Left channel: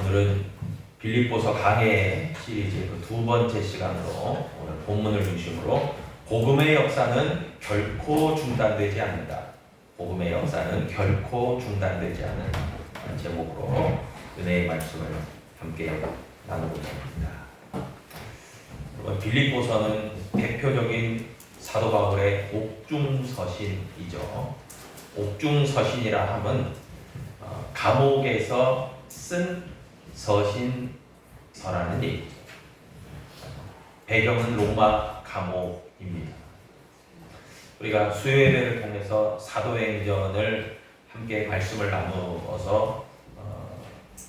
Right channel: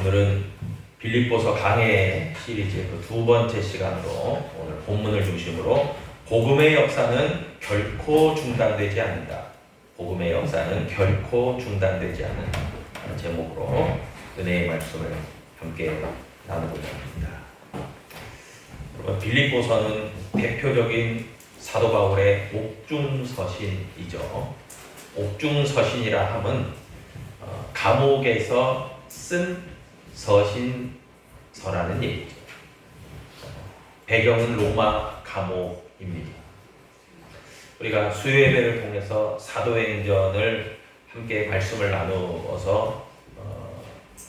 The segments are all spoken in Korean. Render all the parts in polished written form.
오늘은 빌립보서 강해 시리즈 두 번째 시간으로 오늘 본문을 중심으로 복음의 역사는 결코 중단되지 않는다. 복음의 역사는 결코 중단되지 않는다. 라는 제목으로 은혜의 말씀을 함께 나누고자 합니다. 빌립보서는 대표적인 사도 바울의 옥중서신이죠. 옥중서신이라 함은 감옥에서 쓴 서신서라는 얘기죠. 배경은 로마 감옥입니다. 우리가 수요예배를 통해서 사도행전을 함께 말씀을 나누어서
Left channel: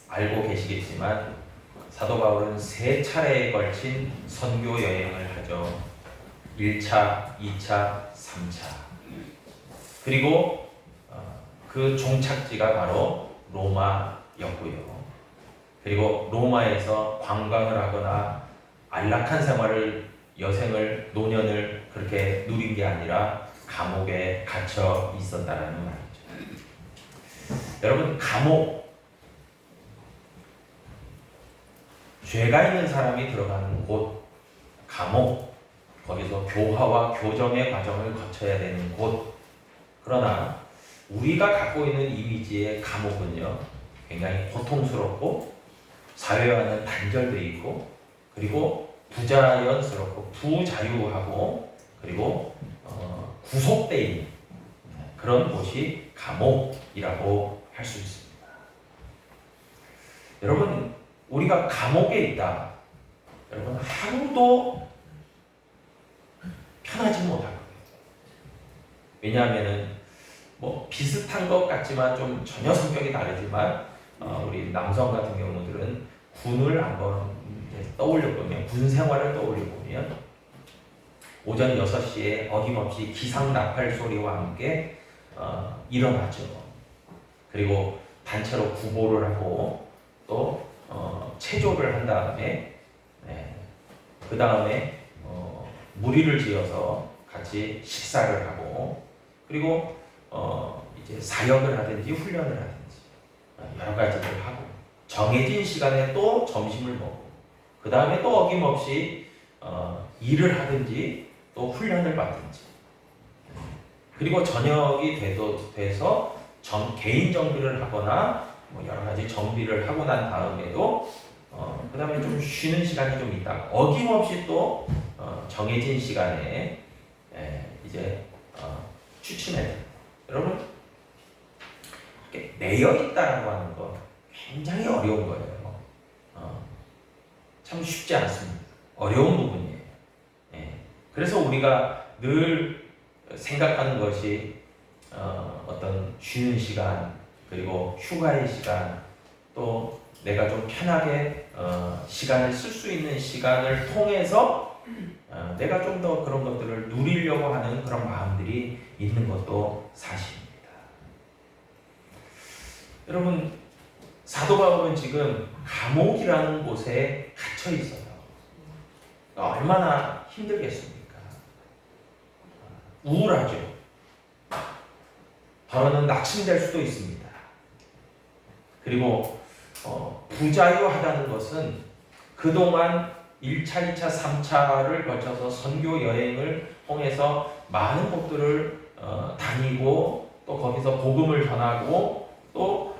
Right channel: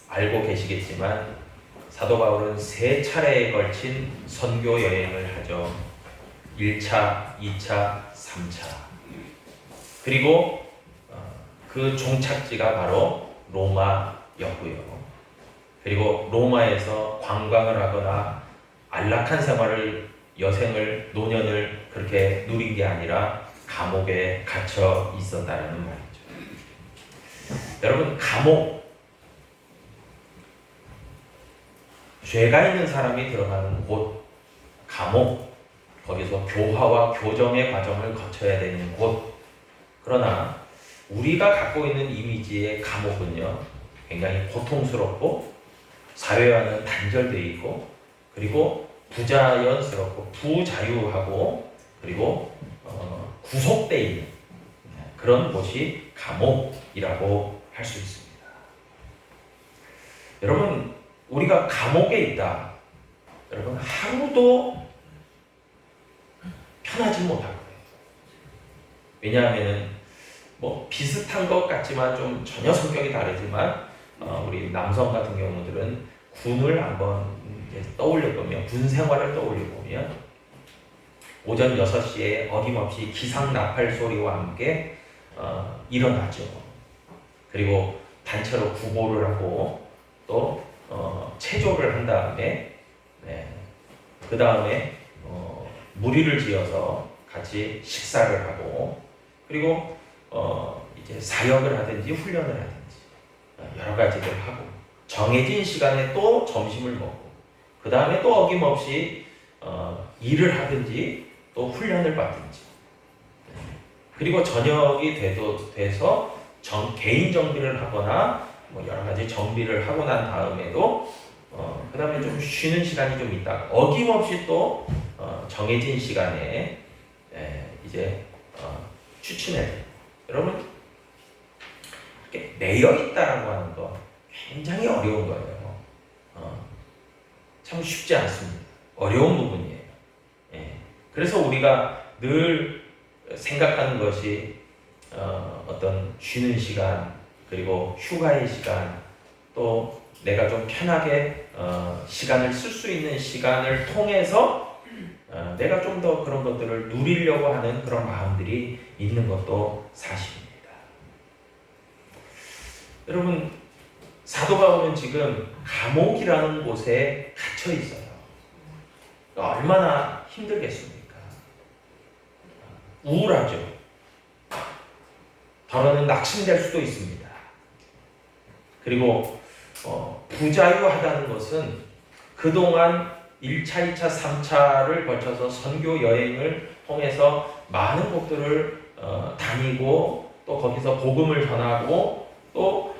알고 계시겠지만 사도 바울은 세 차례에 걸친 선교 여행을 하죠. 1차, 2차, 3차. 그리고 그 종착지가 바로 로마였고요. 그리고 로마에서 관광을 하거나 안락한 생활을, 여생을, 노년을 그렇게 누린 게 아니라 감옥에 갇혀 있었다는 말이죠. 여러분, 감옥, 죄가 있는 사람이 들어가는 곳, 감옥, 거기서 교화와 교정의 과정을 거쳐야 되는 곳. 그러나 우리가 갖고 있는 이미지의 감옥은요, 굉장히 고통스럽고 사회와는 단절되어 있고, 그리고 부자연스럽고 부자유하고, 그리고 구속되어 있는 그런 곳이 감옥이라고 할 수 있습니다. 여러분, 우리가 감옥에 있다. 여러분, 하루도 편하지 못할 거예요. 왜냐하면 비슷한 것 같지만 좀 전혀 성격이 다르지만 우리 남성 같은 경우들은 군을 한번 떠올려 보면, 군 생활을 떠올려 보면 오전 6시에 어김없이 기상 나팔 소리와 함께 일어나죠. 그리고 단체로 구보를 하고 또 체조를 한 다음에 그 다음에 무리를 지어서 같이 식사를 하고, 그리고 이제 사역을 하든지 훈련을 하든지 여러 가지를 하고, 정해진 시간에 또 점심을 먹고, 그 다음에 또 어김없이 일을 하든지 또 훈련을 받든지, 그리고 저녁이 돼서 개인 정비를 하거나 여러 가지 정비를 하고 난 다음에도 그 다음에 좀 쉬는 시간이 좀 있다. 어김없이 또 정해진 시간에 이제 추진해야 돼요. 여러분, 이렇게 매여 있다라고 하는 거 굉장히 어려운 거예요. 참 쉽지 않습니다. 어려운 부분이에요. 그래서 우리가 늘 생각하는 것이 어떤 쉬는 시간, 그리고 휴가의 시간, 또 내가 좀 편하게 시간을 쓸 수 있는 시간을 통해서 내가 좀 더 그런 것들을 누리려고 하는 그런 마음들이 있는 것도 사실입니다. 여러분, 사도 바울은 지금 감옥이라는 곳에 갇혀 있어요. 얼마나 힘들겠습니까? 우울하죠. 더러는 낙심될 수도 있습니다. 그리고 부자유하다는 것은 그동안 1차, 2차, 3차를 거쳐서 선교 여행을 통해서 많은 곳들을 다니고, 또 거기서 복음을 전하고, 또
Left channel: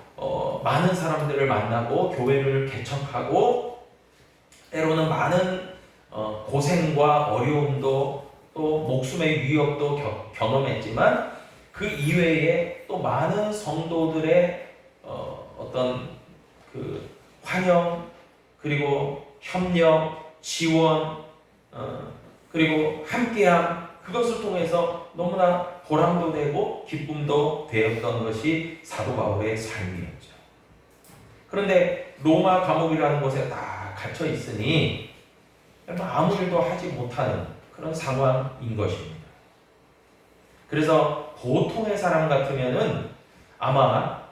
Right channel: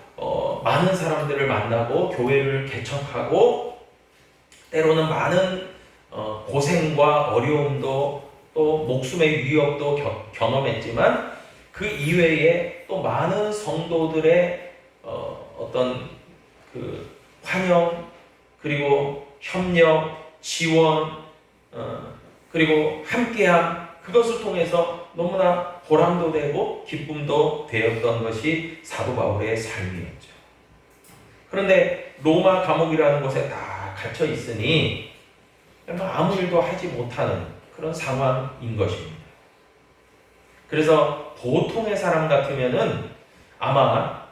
많은 사람들을 만나고 교회를 개척하고, 때로는 많은 고생과 어려움도 또 목숨의 위협도 경험했지만, 그 이외에 또 많은 성도들의 어떤 그 환영, 그리고 협력, 지원, 그리고 함께함, 그것을 통해서 너무나 보람도 되고 기쁨도 되었던 것이 사도 바울의 삶이었죠. 그런데 로마 감옥이라는 곳에 다 갇혀 있으니 아무 일도 하지 못하는 그런 상황인 것입니다. 그래서 보통의 사람 같으면은 아마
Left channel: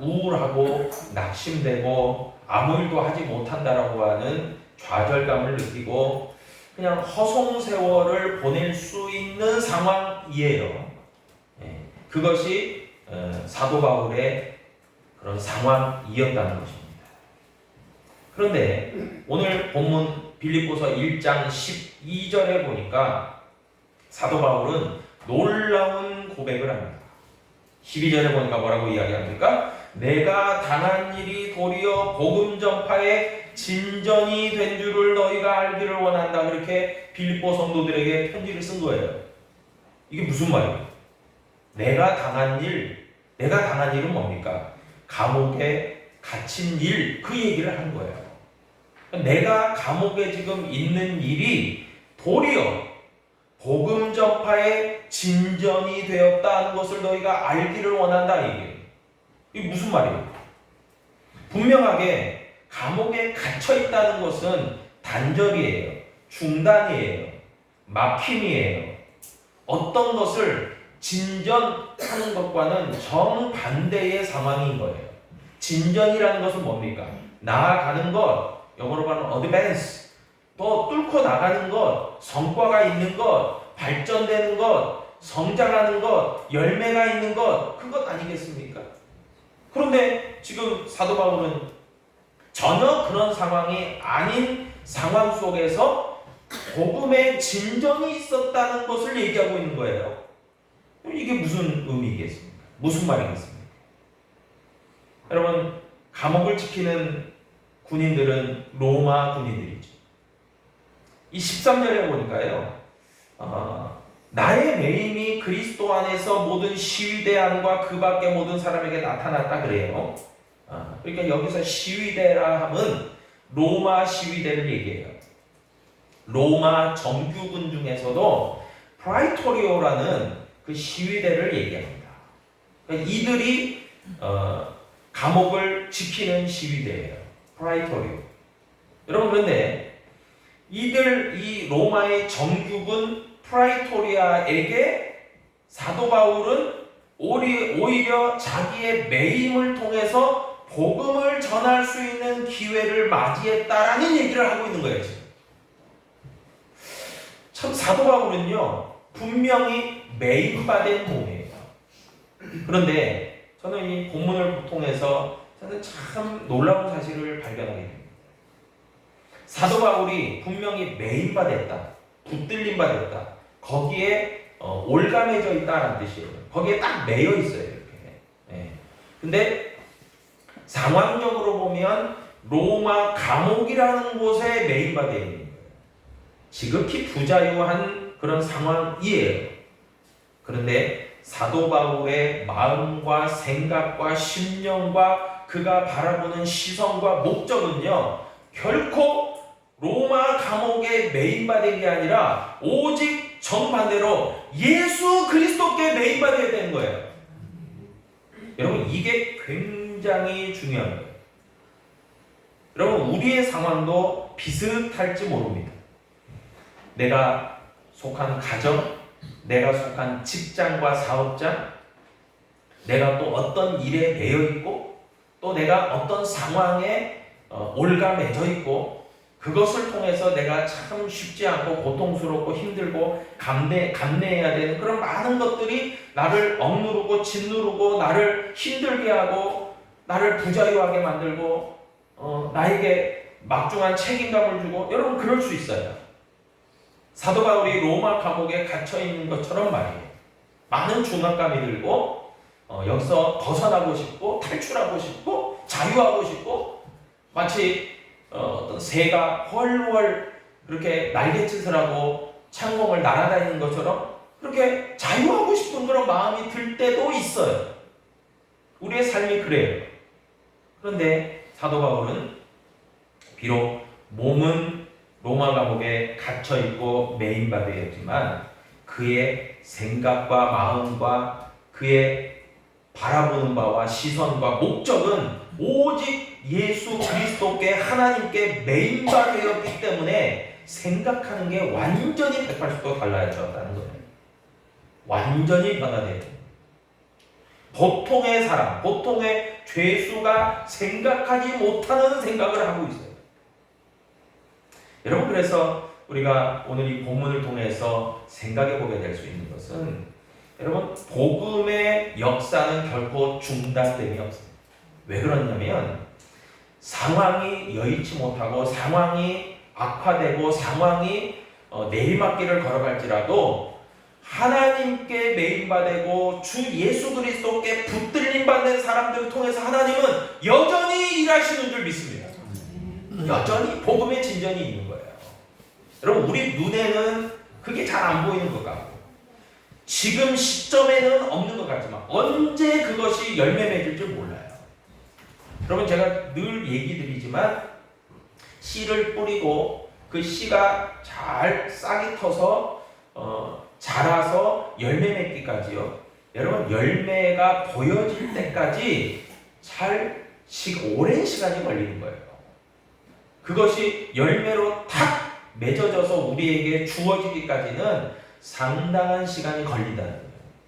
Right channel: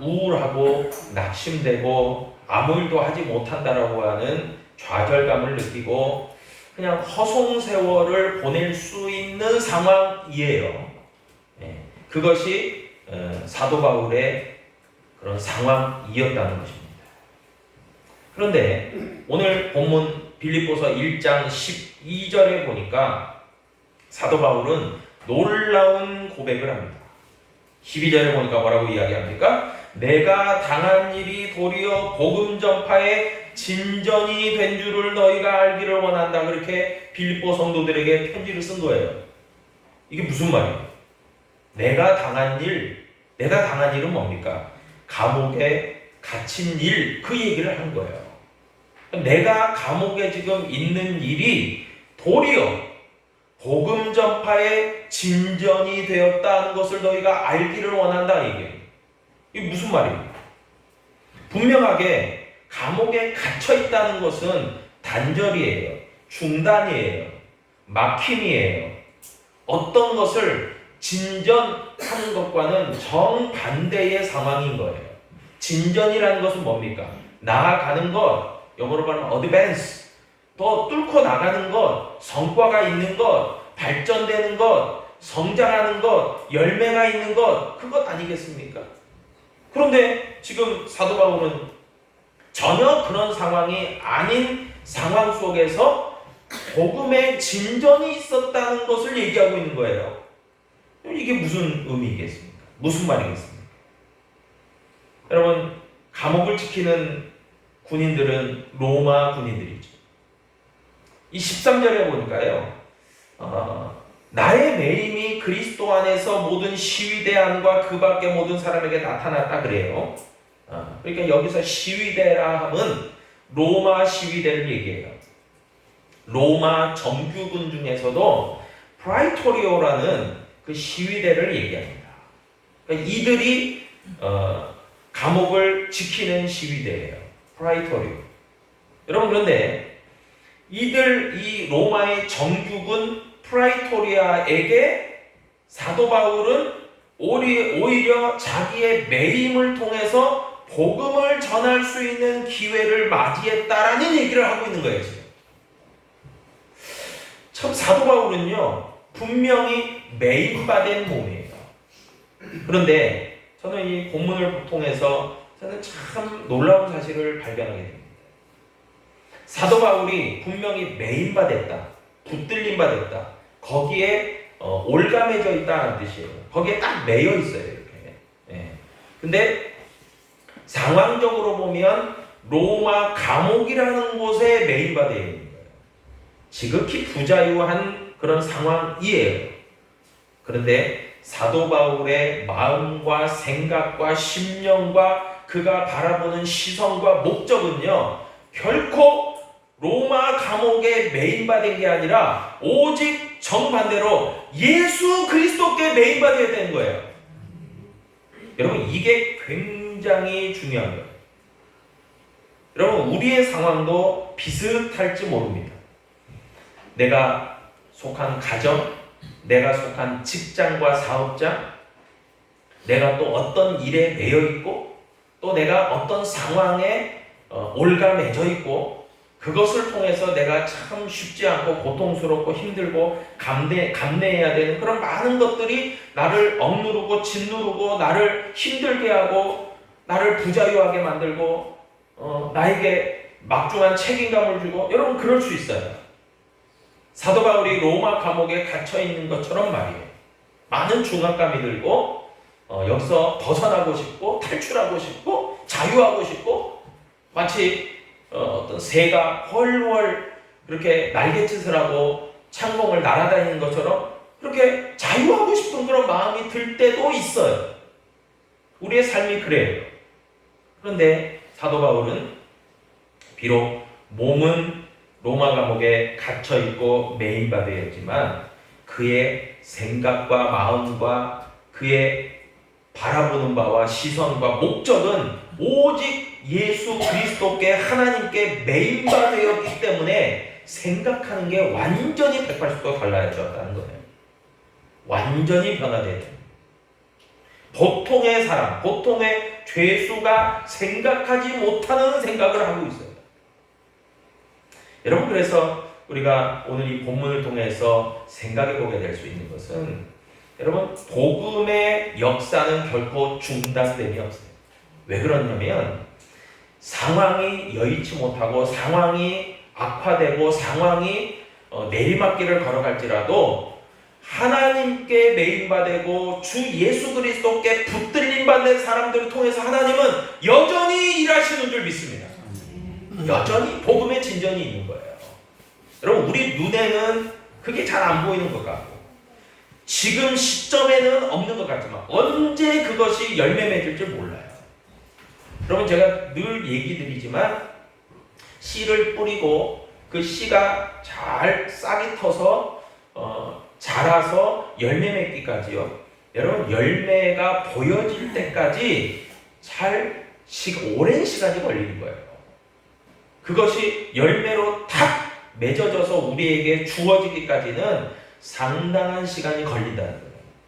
우울하고 낙심되고 아무 일도 하지 못한다라고 하는 좌절감을 느끼고 그냥 허송세월을 보낼 수 있는 상황이에요. 그것이 사도 바울의 그런 상황이었다는 것입니다. 그런데 오늘 본문 빌립보서 1장 12절에 보니까 사도 바울은 놀라운 고백을 합니다. 12절에 보니까 뭐라고 이야기합니까? 내가 당한 일이 도리어 복음 전파의 진전이 된 줄을 너희가 알기를 원한다. 그렇게 빌립보 성도들에게 편지를 쓴 거예요. 이게 무슨 말이에요? 내가 당한 일은 뭡니까? 감옥에 갇힌 일, 그 얘기를 한 거예요. 내가 감옥에 지금 있는 일이 도리어 복음 전파의 진전이 되었다는 것을 너희가 알기를 원한다. 이게 무슨 말이에요? 분명하게 감옥에 갇혀 있다는 것은 단절이에요. 중단이에요. 막힘이에요. 어떤 것을 진전하는 것과는 정반대의 상황인 거예요. 진전이라는 것은 뭡니까? 나아가는 것, 영어로 말하면 advance, 또 뚫고 나가는 것, 성과가 있는 것, 발전되는 것, 성장하는 것, 열매가 있는 것, 그것 아니겠습니까? 그런데 지금 사도 바울은 전혀 그런 상황이 아닌 상황 속에서 복음의 진전이 있었다는 것을 얘기하고 있는 거예요. 이게 무슨 의미겠습니까? 무슨 말이겠습니까? 여러분, 감옥을 지키는 군인들은 로마 군인들이죠. 이 13절에 보니까요, 나의 매임이 그리스도 안에서 모든 시위대 안과 그 밖의 모든 사람에게 나타났다 그래요. 그러니까 여기서 시위대라 함은 로마 시위대를 얘기해요. 로마 정규군 중에서도 프라이토리오라는 그 시위대를 얘기합니다. 그러니까 이들이 감옥을 지키는 시위대예요. 프라이토리오. 여러분, 그런데 이 로마의 정규군 프라이토리아에게 사도 바울은 오히려 자기의 매임을 통해서 복음을 전할 수 있는 기회를 맞이했다라는 얘기를 하고 있는 거예요. 지금. 참 사도 바울은요, 분명히 매임받은 몸이에요. 그런데 저는 이 본문을 통해서 저는 참 놀라운 사실을 발견하게 됩니다. 사도 바울이 분명히 매임받았다, 붙들림받았다, 거기에 올가매져 있다는 뜻이에요. 거기에 딱 매여 있어요. 이렇게. 예. 근데 상황적으로 보면 로마 감옥이라는 곳에 매임받아 있는 거예요. 지극히 부자유한 그런 상황이에요. 그런데 사도 바울의 마음과 생각과 심령과 그가 바라보는 시선과 목적은요, 결코 로마 감옥에 매임받은 게 아니라 오직 정반대로 예수 그리스도께 매임받아야 되는 거예요. 여러분, 이게 굉장히 중요한 거예요. 여러분, 우리의 상황도 비슷할지 모릅니다. 내가 속한 가정, 내가 속한 직장과 사업장, 내가 또 어떤 일에 매여 있고, 또 내가 어떤 상황에 올가매져 있고, 그것을 통해서 내가 참 쉽지 않고 고통스럽고 힘들고 감내해야 되는 그런 많은 것들이 나를 억누르고 짓누르고 나를 힘들게 하고 나를 부자유하게 만들고 나에게 막중한 책임감을 주고, 여러분 그럴 수 있어요. 사도 바울이 로마 감옥에 갇혀 있는 것처럼 말이에요. 많은 중압감이 들고 여기서 벗어나고 싶고 탈출하고 싶고 자유하고 싶고, 마치 어떤 새가 훨훨 그렇게 날갯짓을 하고 창공을 날아다니는 것처럼 그렇게 자유하고 싶은 그런 마음이 들 때도 있어요. 우리의 삶이 그래요. 그런데 사도 바울은 비록 몸은 로마 감옥에 갇혀 있고 매임받았지만 그의 생각과 마음과 그의 바라보는 바와 시선과 목적은 오직 예수 그리스도께 하나님께 매임받았기 때문에 생각하는 게 완전히 180도 달라졌다는 거예요. 완전히 변화돼요. 보통의 사람, 보통의 죄수가 생각하지 못하는 생각을 하고 있어요. 여러분, 그래서 우리가 오늘 이 본문을 통해서 생각해 보게 될 수 있는 것은, 여러분, 복음의 역사는 결코 중단됨이 없어요. 왜 그러냐면 상황이 여의치 못하고 상황이 악화되고 상황이 내리막길을 걸어갈지라도 하나님께 메인받고 주 예수 그리스도께 붙들림받는 사람들을 통해서 하나님은 여전히 일하시는 줄 믿습니다. 여전히 복음의 진전이 있는 거예요. 여러분, 우리 눈에는 그게 잘 안 보이는 것 같고 지금 시점에는 없는 것 같지만 언제 그것이 열매 맺을 줄 몰라요. 여러분, 제가 늘 얘기 드리지만 씨를 뿌리고 그 씨가 잘 싹이 터서 자라서 열매 맺기까지요. 여러분, 열매가 보여질 때까지 오랜 시간이 걸리는 거예요. 그것이 열매로 탁 맺어져서 우리에게 주어지기까지는 상당한 시간이 걸린다는 거예요.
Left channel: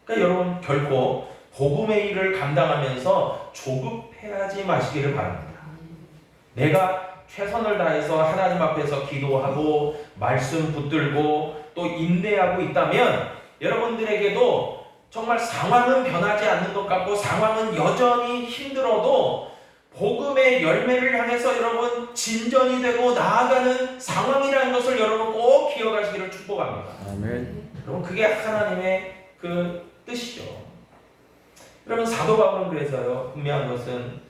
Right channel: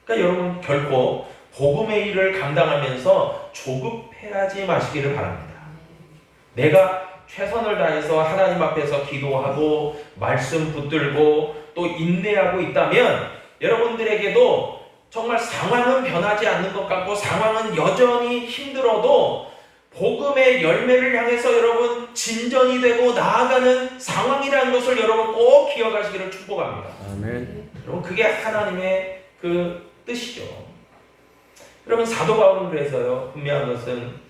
그러니까 여러분, 결코 복음의 일을 감당하면서 조급해하지 마시기를 바랍니다. 내가 최선을 다해서 하나님 앞에서 기도하고 말씀 붙들고 또 인내하고 있다면 여러분들에게도 정말 상황은 변하지 않는 것 같고 상황은 여전히 힘들어도 복음의 열매를 향해서 여러분 진전이 되고 나아가는 상황이라는 것을 여러분 꼭 기억하시기를 축복합니다. 아멘. 여러분, 그게 하나님의 그 뜻이죠. 여러분, 사도 바울은 그래서요, 분명한 것은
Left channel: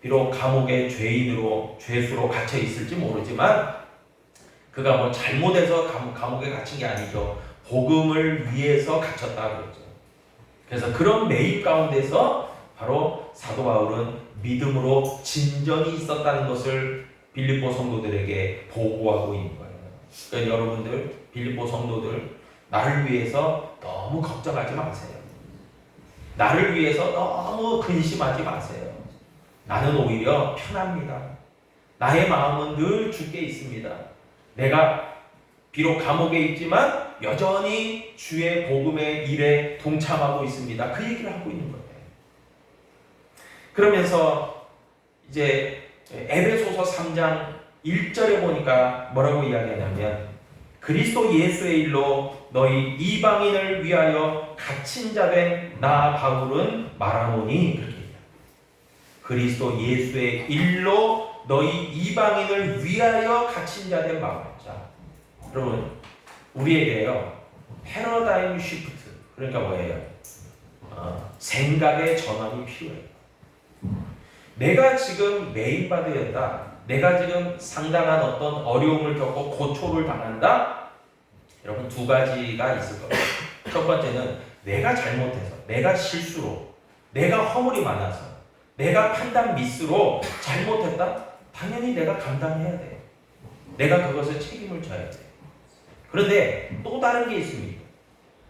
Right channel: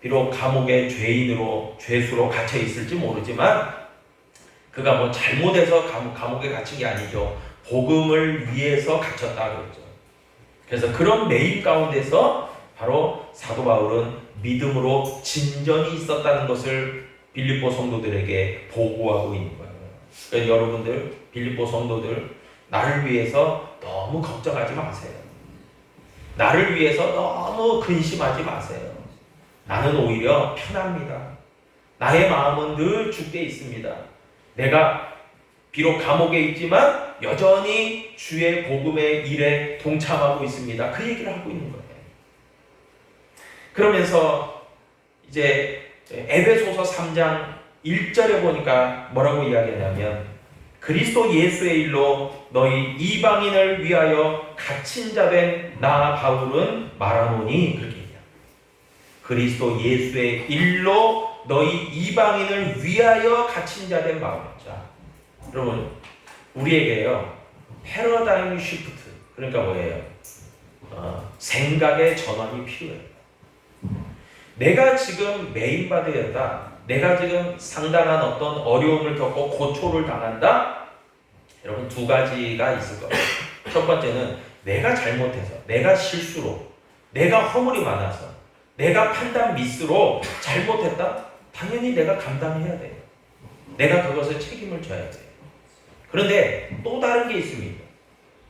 비록 감옥의 죄수로 갇혀 있을지 모르지만 그가 뭐 잘못해서 감옥에 갇힌 게 아니죠. 복음을 위해서 갇혔다 그러죠. 그래서 그런 매임 가운데서 바로 사도 바울은 믿음으로 진전이 있었다는 것을 빌립보 성도들에게 보고하고 있는 거예요. 그러니까 여러분들, 빌립보 성도들, 나를 위해서 너무 걱정하지 마세요. 나를 위해서 너무 근심하지 마세요. 나는 오히려 편합니다. 나의 마음은 늘 주께 있습니다. 내가 비록 감옥에 있지만 여전히 주의 복음의 일에 동참하고 있습니다. 그 얘기를 하고 있는 거예요. 그러면서 이제 에베소서 3장 1절에 보니까 뭐라고 이야기하냐면 그리스도 예수의 일로 너희 이방인을 위하여 갇힌 자 된 나 바울은 말하노니 그렇게 얘기합니다. 그리스도 예수의 일로 너희 이방인을 위하여 갇힌 자 된 바울. 자, 여러분, 우리에게요 패러다임 시프트, 그러니까 뭐예요? 생각의 전환이 필요해요. 내가 지금 메인받으였다, 내가 지금 상당한 어떤 어려움을 겪고 고초를 당한다. 여러분, 두 가지가 있을 거예요. 첫 번째는 내가 잘못해서, 내가 실수로, 내가 허물이 많아서, 내가 판단 미스로 잘못했다. 당연히 내가 감당해야 돼요. 내가 그것을 책임을 져야 돼요. 그런데 또 다른 게 있습니다.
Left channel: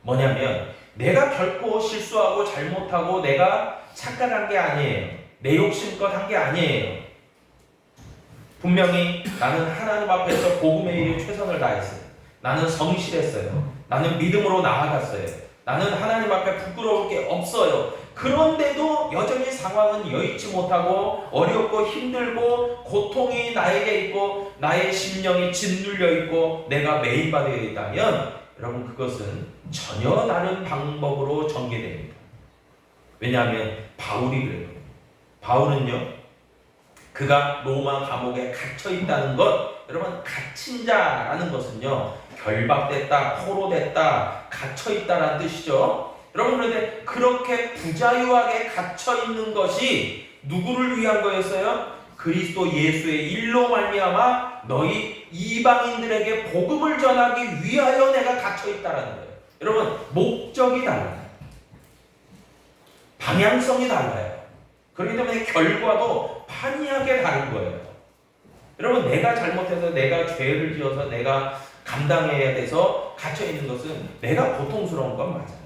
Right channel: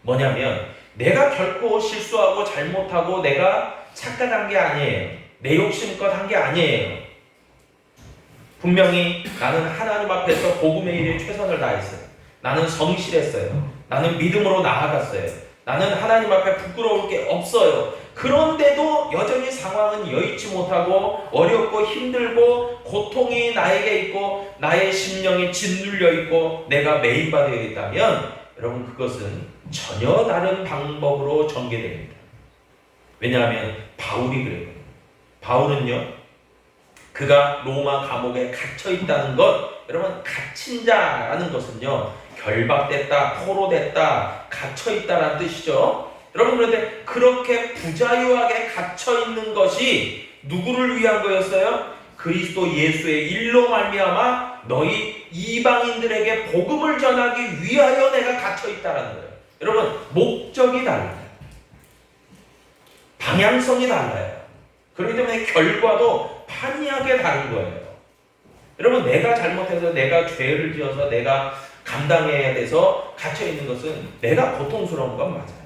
뭐냐면 내가 결코 실수하고 잘못하고 내가 착각한 게 아니에요. 내 욕심껏 한 게 아니에요. 분명히 나는 하나님 앞에서 복음의 일에 최선을 다했어요. 나는 성실했어요. 나는 믿음으로 나아갔어요. 나는 하나님 앞에 부끄러울 게 없어요. 그런데도 여전히 상황은 여의치 못하고 어렵고 힘들고 고통이 나에게 있고 나의 심령이 짓눌려 있고 내가 매인받아 있다면 여러분, 그것은 전혀 다른 방법으로 전개됩니다. 왜냐하면 바울이 그래요. 바울은요, 그가 로마 감옥에 갇혀 있다는 것, 여러분, 갇힌 자라는 것은요 결박됐다, 포로됐다, 갇혀 있다라는 뜻이죠. 여러분, 그런데 그렇게 부자유하게 갇혀 있는 것이 누구를 위한 거였어요? 그리스도 예수의 일로 말미암아 너희 이방인들에게 복음을 전하기 위하여 내가 갇혀 있다라는 거예요. 여러분, 목적이 달라요. 방향성이 달라요. 그렇기 때문에 결과도 판이하게 다른 거예요. 여러분, 내가 잘못해서, 내가 죄를 지어서 내가 감당해야 돼서 갇혀 있는 것은 내가 고통스러운 건 맞아요.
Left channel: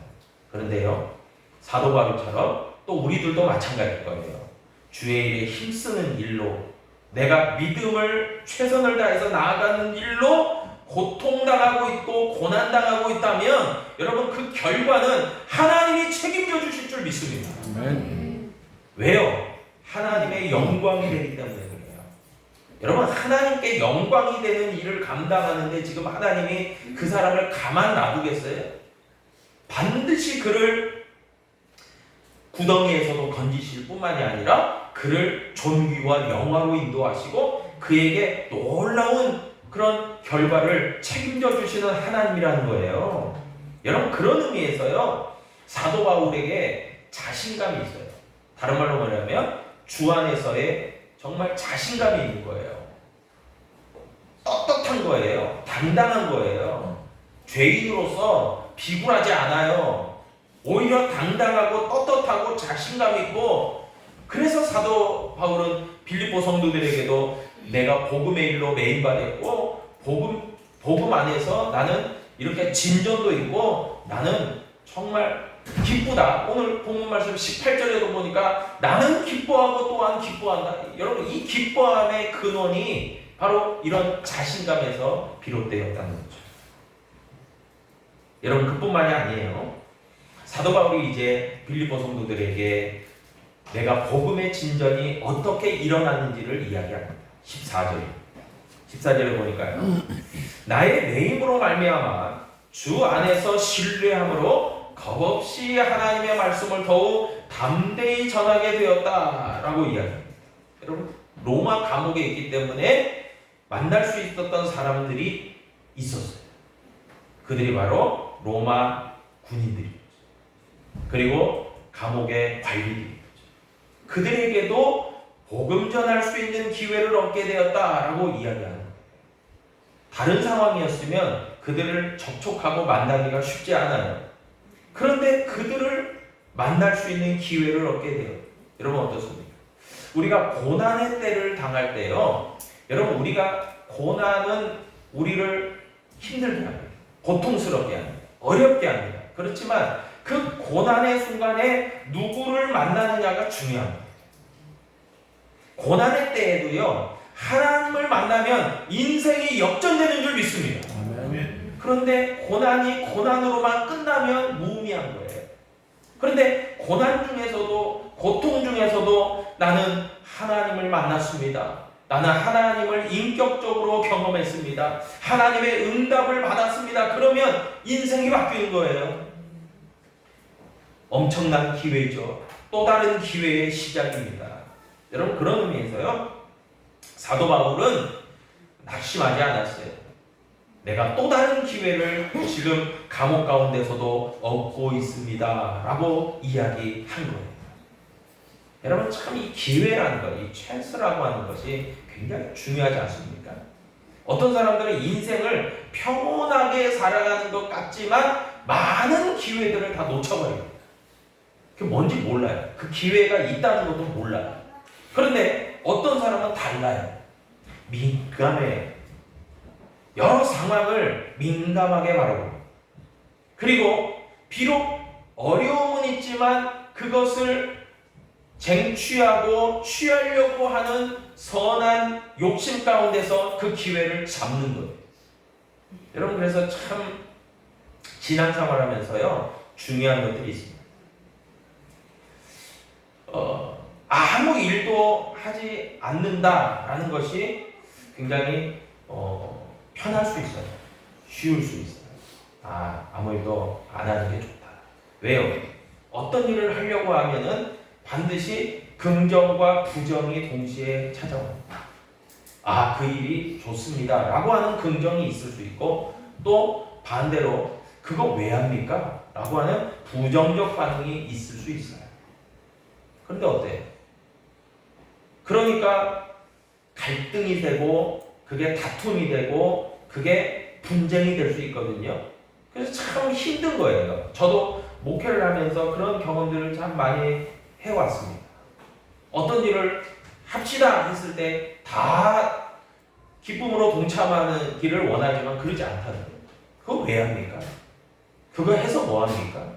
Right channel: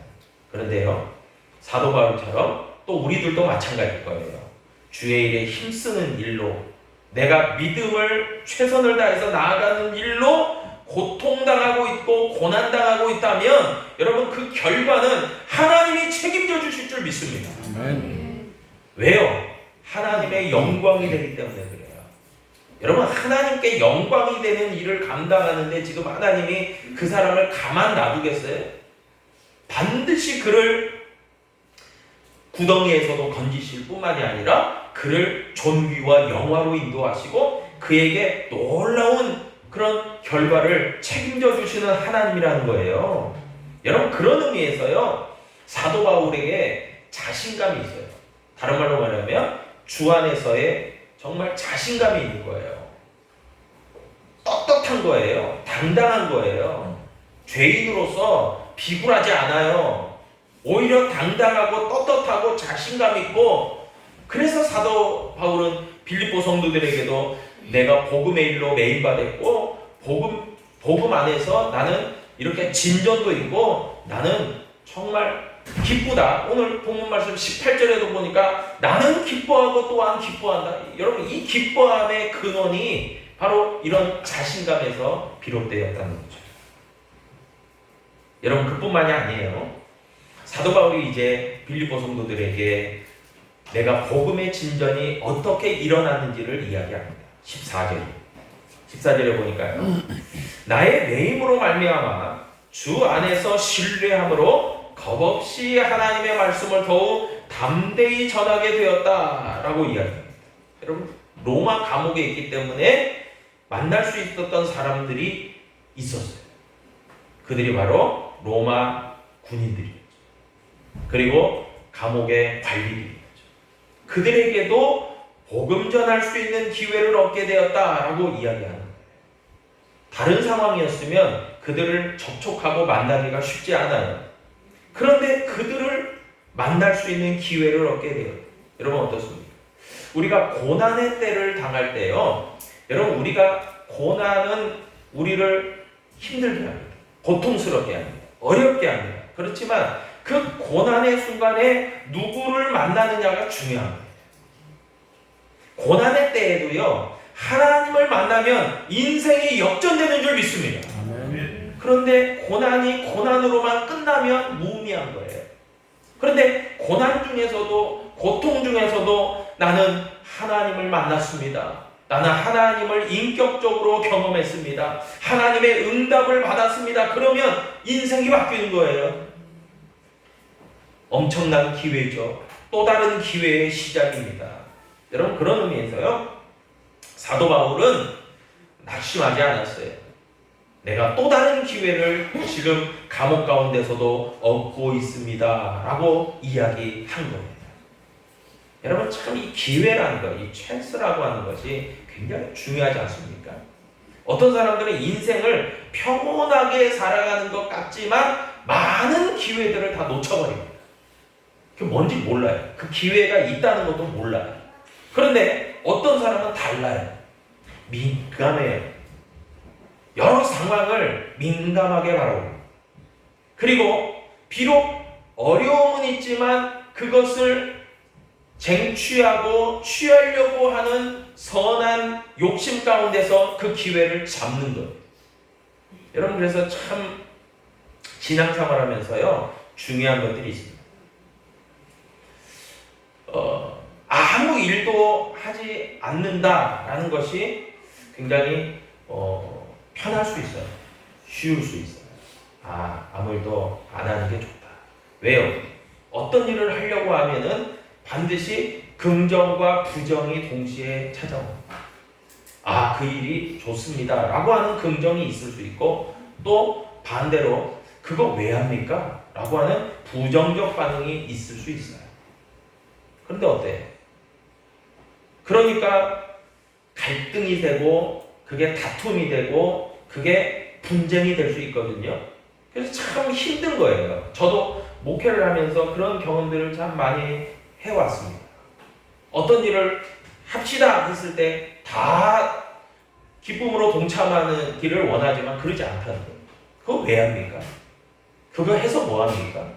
그런데요, 사도 바울처럼 또 우리들도 마찬가지일 거예요. 주의 일에 힘쓰는 일로, 내가 믿음을 최선을 다해서 나아가는 일로 고통당하고 있고 고난당하고 있다면 여러분, 그 결과는 하나님이 책임져 주실 줄 믿습니다. 아멘. 왜요? 하나님의 영광이 되기 때문에 그래요. 여러분, 하나님께 영광이 되는 일을 감당하는데 지금 하나님이 그 사람을 가만 놔두겠어요? 반드시 그를 구덩이에서도 건지실 뿐만이 아니라 그 그를 존귀와 영화로 인도하시고 그에게 놀라운 그런 결과를 책임져 주시는 하나님이라는 거예요. 여러분, 그런 의미에서요, 사도 바울에게 자신감이 있어요. 다른 말로 말하면 주 안에서의 정말 자신감이 있는 거예요. 떳떳한 거예요. 당당한 거예요. 죄인으로서 비굴하지 않아요. 오히려 당당하고 떳떳하고 자신감 있고, 그래서 사도 바울은 빌립보 성도들에게도 내가 복음의 일로 매인받았고 복음 안에서 나는 이렇게 진전도 있고 나는 정말 기쁘다. 오늘 본문 말씀 18절에도 보니까 나는 기뻐하고 또한 기뻐한다. 여러분, 이 기뻐함의 근원이 바로 이런 자신감에서 비롯되었다는 거죠. 여러분, 그뿐만이 아니에요. 사도 바울이 이제 빌립보 성도들에게 내가 복음의 진전이 어떻게 일어났는지를 이야기합니다. 14절에 보니까요. 나의 내 힘으로 말미암아 주 안에서 신뢰함으로 겁없이 하나님의 말씀을 더욱 담대히 전하게 되었다라고 이야기합니다. 여러분, 로마 감옥에 있기 때문에 만날 수 있었던 사람들이 있었어요. 그들이 바로 로마 군인들이었죠. 그리고 감옥의 관리들이었죠. 그들에게도 복음 전할 수 있는 기회를 얻게 되었다라고 이야기하는 거예요. 다른 상황이었으면 그들을 접촉하고 만나기가 쉽지 않아요. 그런데 그들을 만날 수 있는 기회를 얻게 돼요. 여러분, 어떻습니까? 우리가 고난의 때를 당할 때요, 여러분, 우리가 고난은 우리를 힘들게 합니다. 고통스럽게 합니다. 어렵게 합니다. 그렇지만 그 고난의 순간에 누구를 만나느냐가 중요합니다. 고난의 때에도요, 하나님을 만나면 인생이 역전되는 줄 믿습니다. 아멘. 그런데 고난이 고난으로만 끝나면 무의미한 거예요. 그런데 고난 중에서도, 고통 중에서도 나는 하나님을 만났습니다. 나는 하나님을 인격적으로 경험했습니다. 하나님의 응답을 받았습니다. 그러면 인생이 바뀌는 거예요. 엄청난 기회죠. 또 다른 기회의 시작입니다. 여러분, 그런 의미에서요, 사도 바울은 낙심하지 않았어요. 내가 또 다른 기회를 지금 감옥 가운데서도 얻고 있습니다 라고 이야기한 거예요. 여러분, 참 이 기회라는 것, 이 찬스라고 하는 것이 굉장히 중요하지 않습니까? 어떤 사람들은 인생을 평온하게 살아가는 것 같지만 많은 기회들을 다 놓쳐버립니다. 그게 뭔지 몰라요. 그 기회가 있다는 것도 몰라요. 그런데 어떤 사람은 달라요. 민감해요. 여러 상황을 민감하게 바라봅니다. 그리고 비록 어려움은 있지만 그것을 쟁취하고 취하려고 하는 선한 욕심 가운데서 그 기회를 잡는 거예요. 여러분, 그래서 참 신앙생활 하면서요, 중요한 것들이 있습니다. 아무 일도 하지 않는다라는 것이 굉장히 편할 수 있어요. 쉬울 수 있어요. 아무 일도 안 하는 게 좋다. 왜요? 어떤 일을 하려고 하면은 반드시 긍정과 부정이 동시에 찾아옵니다. 그 일이 좋습니다 라고 하는 긍정이 있을 수 있고, 또 반대로 그거 왜 합니까? 라고 하는 부정적 반응이 있을 수 있어요. 그런데 어때요? 그러니까 갈등이 되고 그게 다툼이 되고 그게 분쟁이 될 수 있거든요. 그래서 참 힘든 거예요. 저도 목회를 하면서 그런 경험들을 참 많이 해왔습니다. 어떤 일을 합시다 했을 때 다 기쁨으로 동참하는 길을 원하지만 그러지 않다는 거예요. 그거 왜 합니까? 그거 해서 뭐 합니까?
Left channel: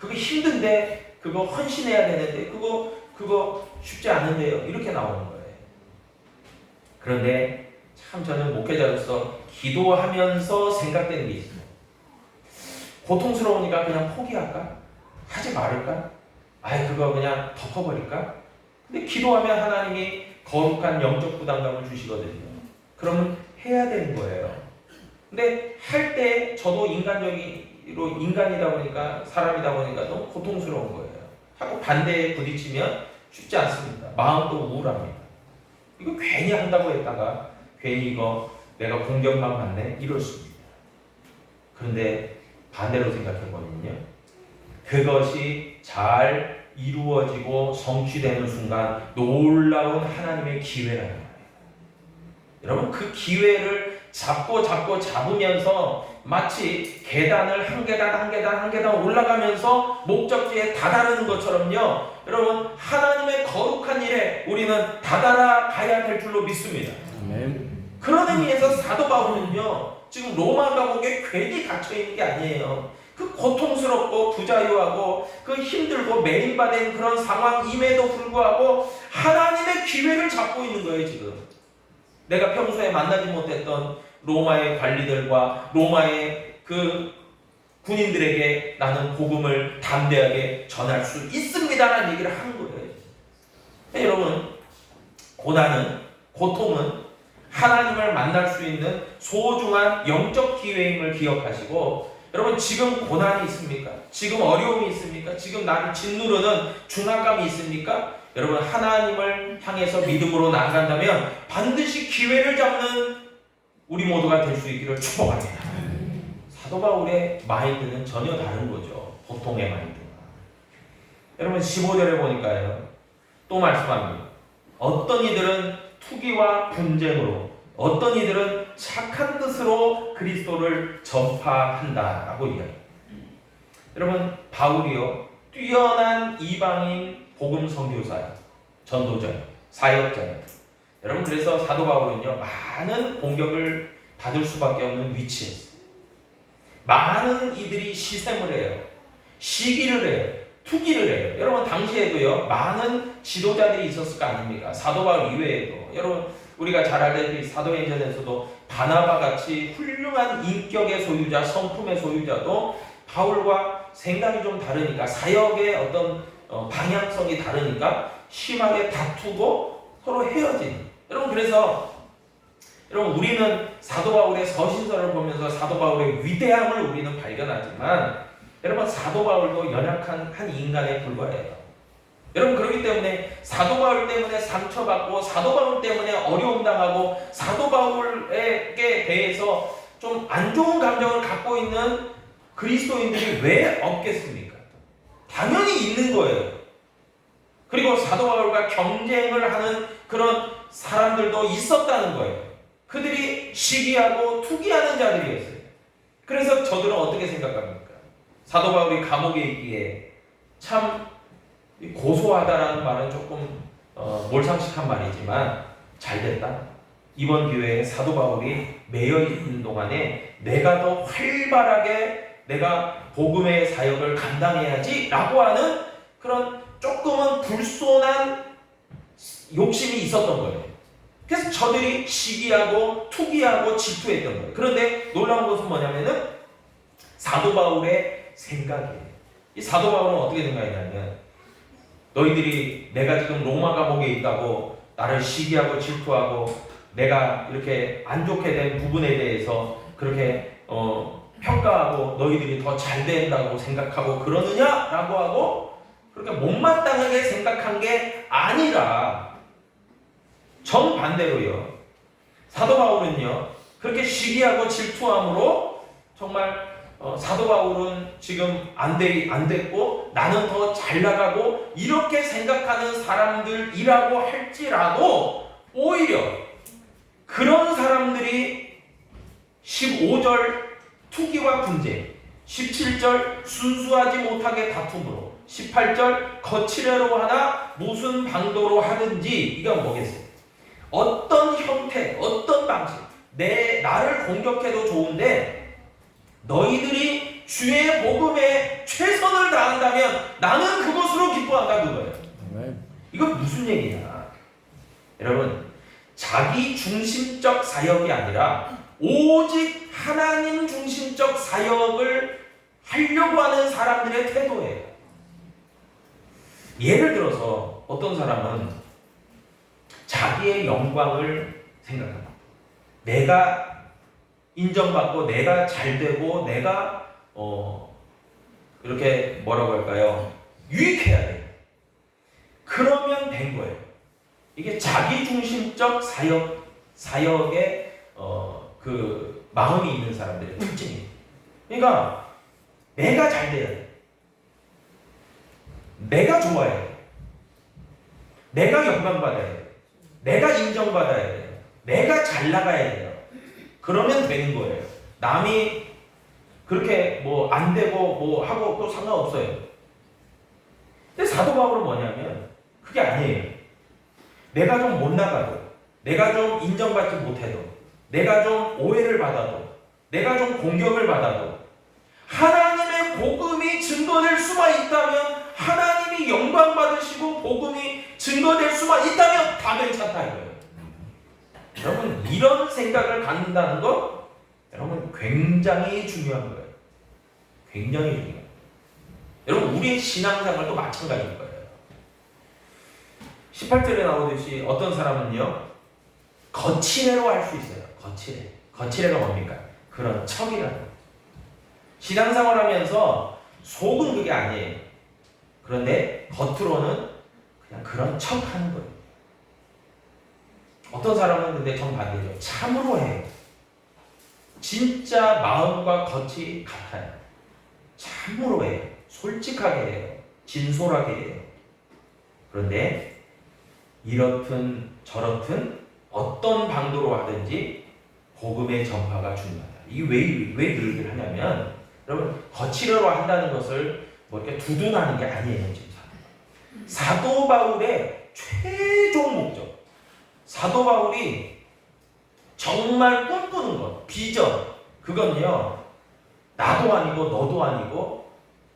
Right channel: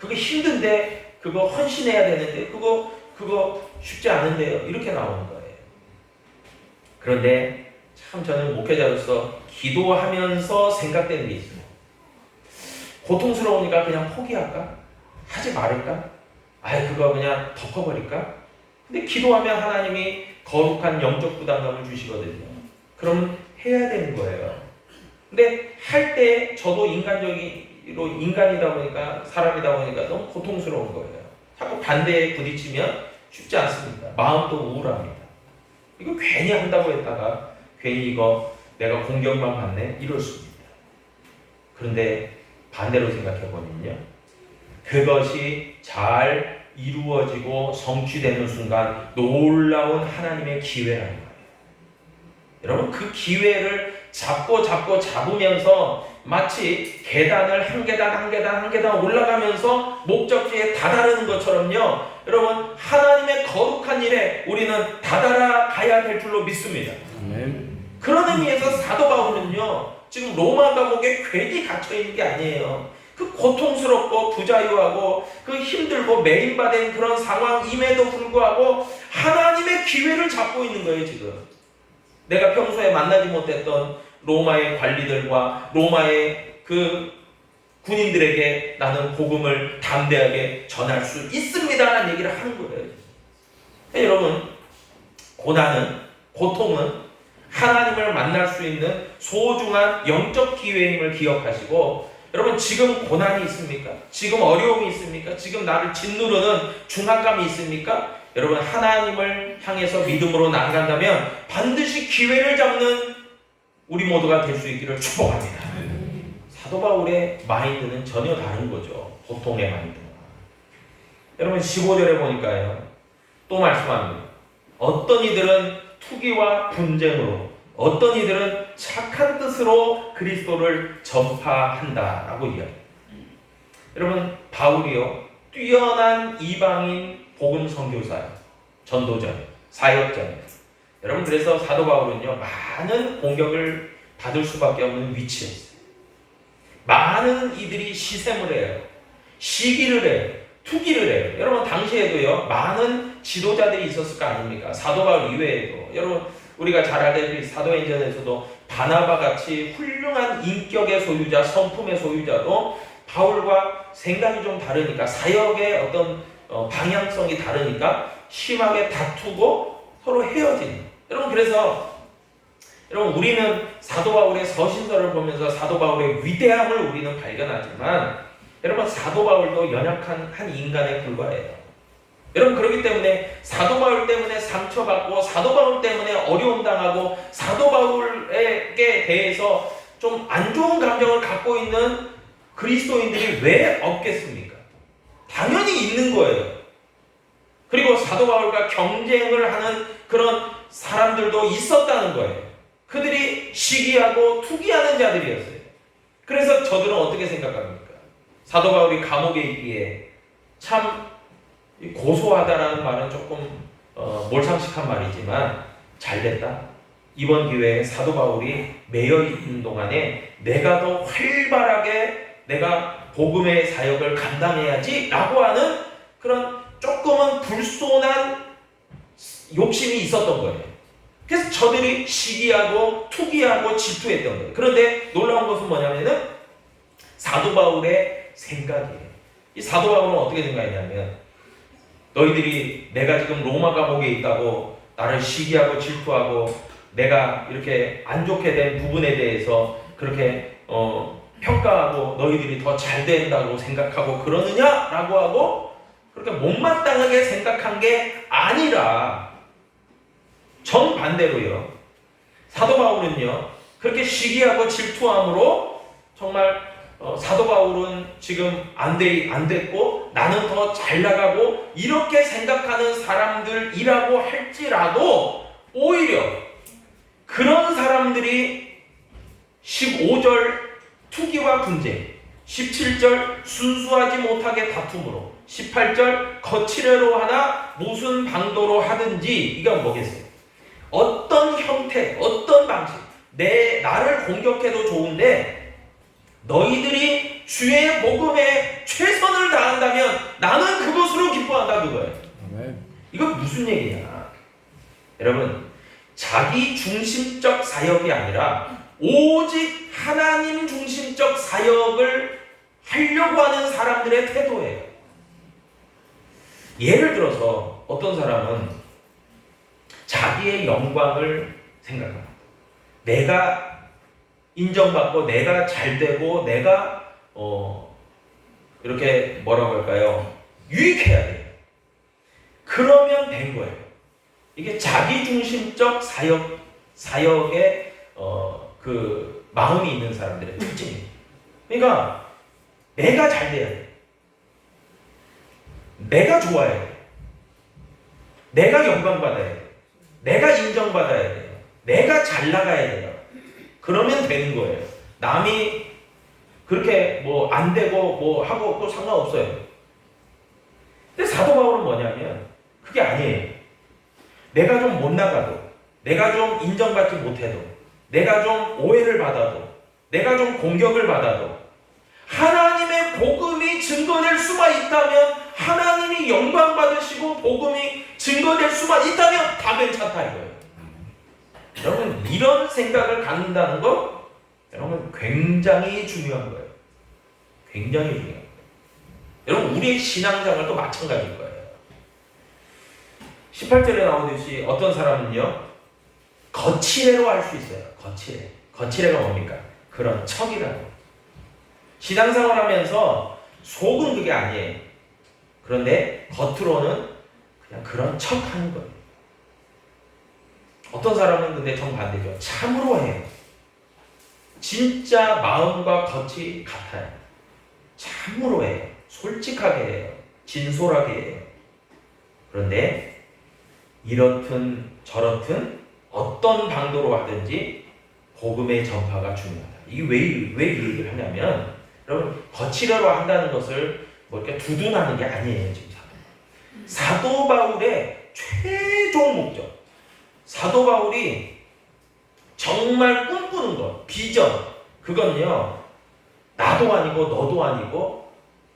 그거 힘든데, 그거 헌신해야 되는데, 그거 쉽지 않은데요. 이렇게 나오는 거예요. 그런데 참 저는 목회자로서 기도하면서 생각되는 게 있습니다. 고통스러우니까 그냥 포기할까? 하지 말을까? 그거 그냥 덮어버릴까? 근데 기도하면 하나님이 거룩한 영적 부담감을 주시거든요. 그러면 해야 되는 거예요. 근데 할 때 저도 인간이다 보니까, 사람이다 보니까 너무 고통스러운 거예요. 자꾸 반대에 부딪히면 쉽지 않습니다. 마음도 우울합니다. 이거 괜히 한다고 했다가 괜히 이거 내가 공격만 받네 이럴 수 있습니다. 그런데 반대로 생각해보면요, 그것이 잘 이루어지고 성취되는 순간 놀라운 하나님의 기회라는 거예요. 여러분, 그 기회를 잡으면서 마치 계단을 한 계단 올라가면서 목적지에 다다르는 것처럼요, 여러분, 하나님의 거룩한 일에 우리는 다다라가야 될 줄로 믿습니다. 아멘. 그런 의미에서 사도 바울은요, 지금 로마 감옥에 괜히 갇혀있는 게 아니에요. 그 고통스럽고 부자유하고 그 힘들고 매인받은 그런 상황임에도 불구하고 하나님의 기회를 잡고 있는 거예요. 지금 내가 평소에 만나지 못했던 로마의 관리들과 로마의 그 군인들에게 나는 복음을 담대하게 전할 수 있습니다라는 얘기를 하는 거예요. 여러분, 고통은 하나님을 만날 수 있는 소중한 영적 기회임을 기억하시고, 여러분, 지금 고난이 있습니까? 지금 어려움이 있습니까? 지금 나를 짓누르는 중압감이 있습니까? 여러분, 하나님을 향해서 믿음으로 나아간다면 반드시 기회를 잡는 우리 모두가 될 수 있기를 축복합니다. 사도 바울의 마인드는 전혀 다른 거죠. 보통의 마인드와. 여러분, 15절에 보니까요, 또 말씀합니다. 어떤 이들은 투기와 분쟁으로, 어떤 이들은 착한 뜻으로 그리스도를 전파한다라고 이야기해요. 여러분, 바울이요, 뛰어난 이방인 복음 선교사, 전도자, 사역자. 여러분, 그래서 사도 바울은요, 많은 공격을 받을 수밖에 없는 위치에 있어요. 많은 이들이 시샘을 해요. 시기를 해요. 투기를 해요. 여러분, 당시에도요, 많은 지도자들이 있었을 거 아닙니까? 사도 바울 이외에도. 여러분, 우리가 잘 알다시피 사도행전에서도 바나바 같이 훌륭한 인격의 소유자, 성품의 소유자도 바울과 생각이 좀 다르니까, 사역의 어떤 방향성이 다르니까 심하게 다투고 서로 헤어지는. 여러분, 그래서 여러분, 우리는 사도 바울의 서신서를 보면서 사도 바울의 위대함을 우리는 발견하지만, 여러분, 사도 바울도 연약한 한 인간에 불과해요. 여러분, 그렇기 때문에 사도 바울 때문에 상처받고 사도 바울 때문에 어려움 당하고 사도 바울에게 대해서 좀 안 좋은 감정을 갖고 있는 그리스도인들이 왜 없겠습니까? 당연히 있는 거예요. 그리고 사도 바울과 경쟁을 하는 그런 사람들도 있었다는 거예요. 그들이 시기하고 투기하는 자들이었어요. 그래서 저들은 어떻게 생각합니까? 사도 바울이 감옥에 있기에 참 고소하다라는 말은 조금 몰상식한 말이지만 잘됐다. 이번 기회에 사도 바울이 매여 있는 동안에 내가 더 활발하게 내가 복음의 사역을 감당해야지 라고 하는 그런 조금은 불손한 욕심이 있었던 거예요. 그래서 저들이 시기하고 투기하고 질투했던 거예요. 그런데 놀라운 것은 뭐냐면은 사도 바울의 생각이에요. 이 사도 바울은 어떻게 생각했냐면, 너희들이 내가 지금 로마 감옥에 있다고 나를 시기하고 질투하고 내가 이렇게 안 좋게 된 부분에 대해서 그렇게 평가하고 너희들이 더 잘 된다고 생각하고 그러느냐라고 하고 그렇게 못마땅하게 생각한 게 아니라 정반대로요, 사도 바울은요, 그렇게 시기하고 질투함으로 정말 사도 바울은 지금 안 됐고 나는 더 잘 나가고 이렇게 생각하는 사람들이라고 할지라도 오히려 그런 사람들이 15절 투기와 분쟁, 17절 순수하지 못하게 다툼으로, 18절 거칠애로 하나 무슨 방도로 하든지, 이건 뭐겠어요? 어떤 형태, 어떤 방식, 나를 공격해도 좋은데 너희들이 주의 복음에 최선을 다한다면 나는 그것으로 기뻐한다, 그거예요. 이건 무슨 얘기냐? 여러분, 자기 중심적 사역이 아니라 오직 하나님 중심적 사역을 하려고 하는 사람들의 태도예요. 예를 들어서 어떤 사람은 자기의 영광을 생각합니다. 내가 인정받고 내가 잘되고 내가 이렇게 뭐라고 할까요? 유익해야 돼요. 그러면 된 거예요. 이게 자기중심적 사역의 그 마음이 있는 사람들의 특징이에요. 그러니까 내가 잘 돼야 돼. 내가 좋아야 돼. 내가 영광받아야 돼. 내가 인정받아야 돼요. 내가 잘 나가야 돼요. 그러면 되는 거예요. 남이 그렇게 뭐 안 되고 뭐 하고 또 상관없어요. 근데 사도 바울은 뭐냐면 그게 아니에요. 내가 좀 못 나가도, 내가 좀 인정받지 못해도, 내가 좀 오해를 받아도, 내가 좀 공격을 받아도 하나님의 복음이 증거될 수만 있다면, 하나님이 영광 받으시고 복음이 증거될 수만 있다면 다 괜찮다 이거예요. 여러분, 이런 생각을 갖는다는 거 여러분 굉장히 중요한 거예요. 굉장히 중요한 거예요. 여러분, 우리의 신앙생활도 마찬가지일 거예요. 18절에 나오듯이 어떤 사람은요, 거칠애로 할 수 있어요. 거칠애. 거칠애가 뭡니까? 그런 척이라고. 신앙생활 하면서 속은 그게 아니에요. 그런데 겉으로는 그냥 그런 척 하는 거예요. 어떤 사람은 근데 정반대죠. 참으로 해요. 진짜 마음과 겉이 같아요. 참으로 해요. 솔직하게 해요. 진솔하게 해요. 그런데 이렇든 저렇든 어떤 방도로 하든지 복음의 전파가 중요하다. 이게 왜 이 얘기를 하냐면, 여러분, 거칠어로 한다는 것을 뭐 이렇게 두둔하는 게 아니에요. 지금 사도 바울의 최종 목적, 사도 바울이 정말 꿈꾸는 것, 비전, 그건요, 나도 아니고 너도 아니고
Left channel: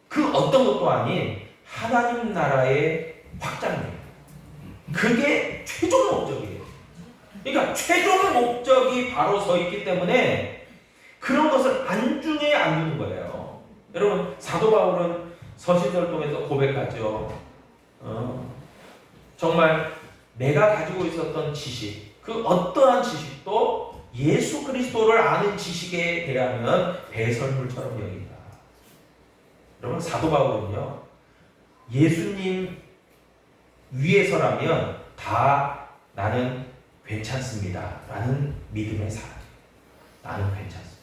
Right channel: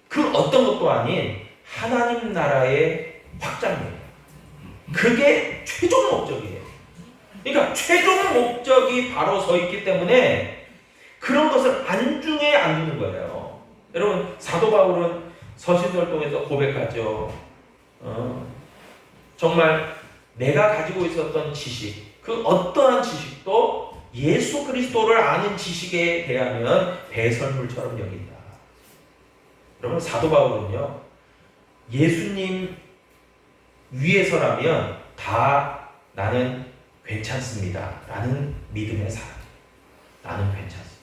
그 어떤 것도 아닌 하나님 나라의 확장이에요. 그게 최종 목적이에요. 그러니까 최종 목적이 바로 서 있기 때문에 그런 것을 안중에 안 두는 거예요. 여러분, 사도 바울은 서신설동에서 고백하죠. 정말 내가 가지고 있었던 지식, 그 어떠한 지식도 예수 그리스도를 아는 지식에 대하면 배설물처럼 여긴다. 여러분, 사도 바울은요, 예수님 위에서라면 다 나는 괜찮습니다 라는 믿음의 사람. 나는 괜찮습니다.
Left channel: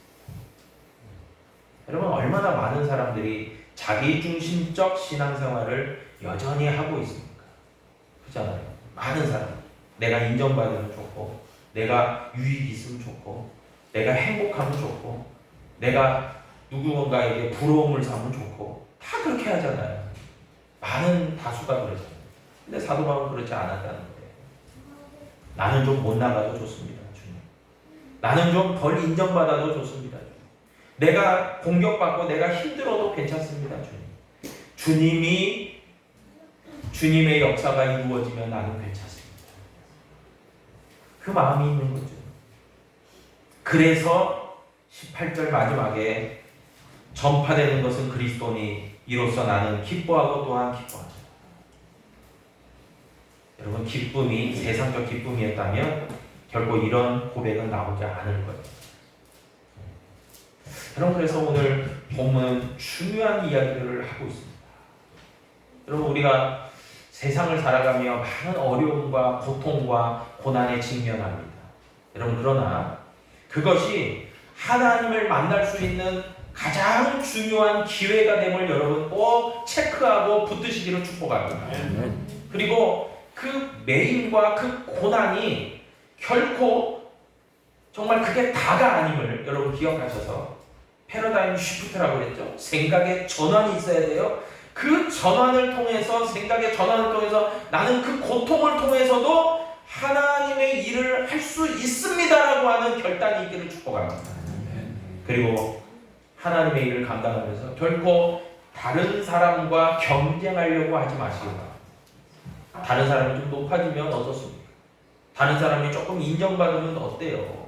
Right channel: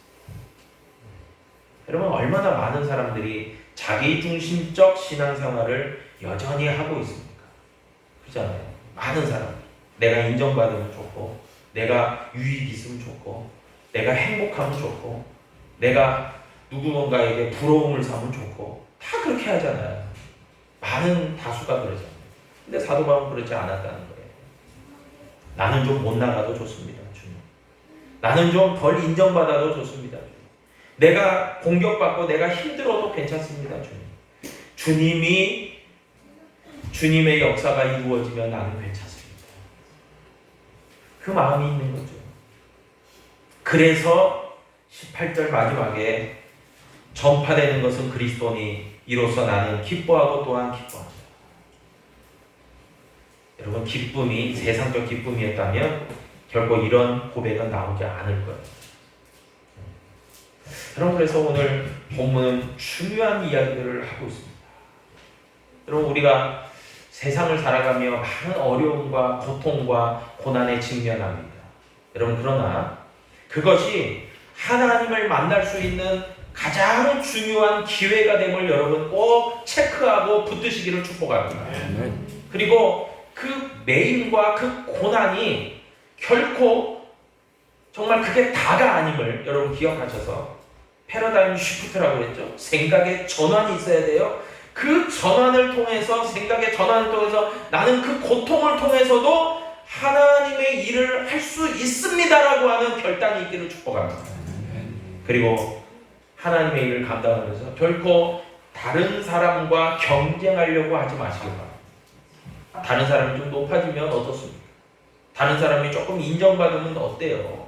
여러분, 얼마나 많은 사람들이 자기중심적 신앙생활을 여전히 하고 있습니까? 그렇잖아요. 많은 사람들. 내가 인정받으면 좋고, 내가 유익 있으면 좋고, 내가 행복하면 좋고, 내가 누군가에게 부러움을 사면 좋고, 다 그렇게 하잖아요. 많은 다수가 그러잖아요. 근데 사도 바울은 그렇지 않았다는 거예요. 나는 좀 못 나가도 좋습니다, 주님. 나는 좀 덜 인정받아도 좋습니다, 주님. 내가 공격받고 내가 힘들어도 괜찮습니다, 주님. 주님의 역사가 이루어지면 나는 괜찮습니다. 그 마음이 있는 거죠. 그래서 18절 마지막에 전파되는 것은 그리스도니 이로써 나는 기뻐하고 또한 기뻐한다. 여러분, 기쁨이 세상적 기쁨이었다면 결국 이런 고백은 나오지 않을 거예요. 여러분, 그래서 오늘 본문은 중요한 이야기를 하고 있습니다. 여러분, 우리가 세상을 살아가며 많은 어려움과 고통과 고난에 직면합니다. 여러분, 그러나 그것이 하나님을 만날 수 있는 가장 중요한 기회가 됨을 여러분 꼭 체크하고 붙드시기를 축복합니다. 그리고 그 매임과 그 고난이 결코 정말 그게 다가 아님을 여러분 기억하셔서, 패러다임 쉬프트라고 그랬죠. 생각의 전환이 있어야 돼요. 그 전환을 통해서, 생각의 전환을 통해서 나는 그 고통을 통해서도 하나님의 일을 할 수 있습니다라고 하는 결단이 있기를 축복합니다. 그리고 하나님의 일을 감당하면서 결코 다른 사람과 경쟁하려고 하지 마시기 바랍니다. 다른 사람이 좀 높아지면 어떻습니까? 다른 사람이 조금 인정받으면 어때요?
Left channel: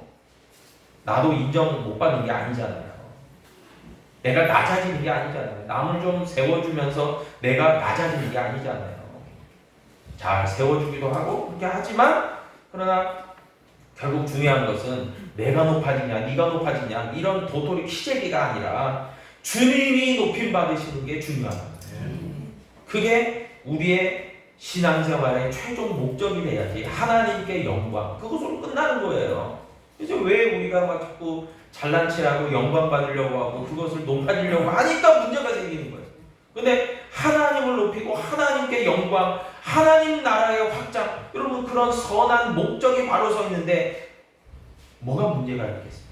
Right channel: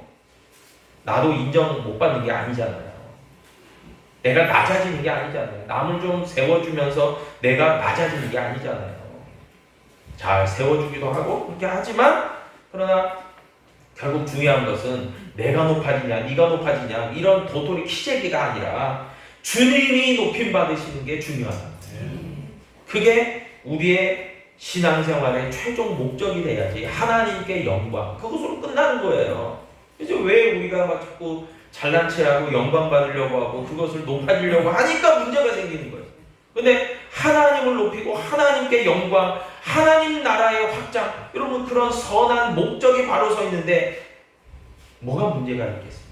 나도 인정 못 받는 게 아니잖아요. 내가 낮아지는 게 아니잖아요. 남을 좀 세워주면서 내가 낮아지는 게 아니잖아요. 잘 세워주기도 하고 그렇게 하지만, 그러나 결국 중요한 것은 내가 높아지냐 네가 높아지냐 이런 도토리 키재기가 아니라 주님이 높임 받으시는 게 중요합니다. 그게 우리의 신앙생활의 최종 목적이 돼야지 하나님께 영광 그것으로 끝나는 거예요. 그래서 왜 우리가 막 자꾸 잘난 체하고 영광 받으려고 하고 그것을 높아지려고 하니까 문제가 생기는 거예요. 근데 하나님을 높이고 하나님께 영광, 하나님 나라의 확장, 여러분 그런 선한 목적이 바로 서 있는데 뭐가 문제가 있겠습니까?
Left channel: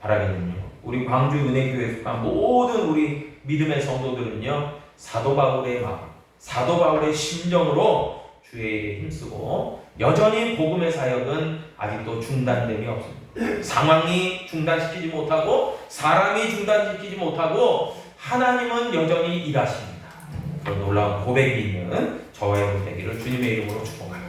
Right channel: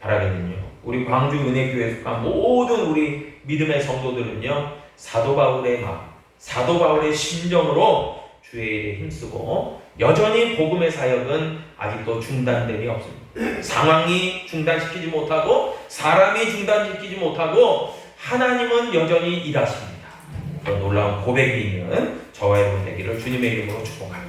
바라기는요. 우리 광주 은혜교회 속한 모든 우리 믿음의 성도들은요. 사도 바울의 마음, 사도 바울의 심정으로 주의 일에 힘쓰고 여전히 복음의 사역은 아직도 중단됨이 없습니다. 상황이 중단시키지 못하고 사람이 중단시키지 못하고 하나님은 여전히 일하십니다. 그런 놀라운 고백이 있는 저와 여러분 되기를 주님의 이름으로 축복합니다.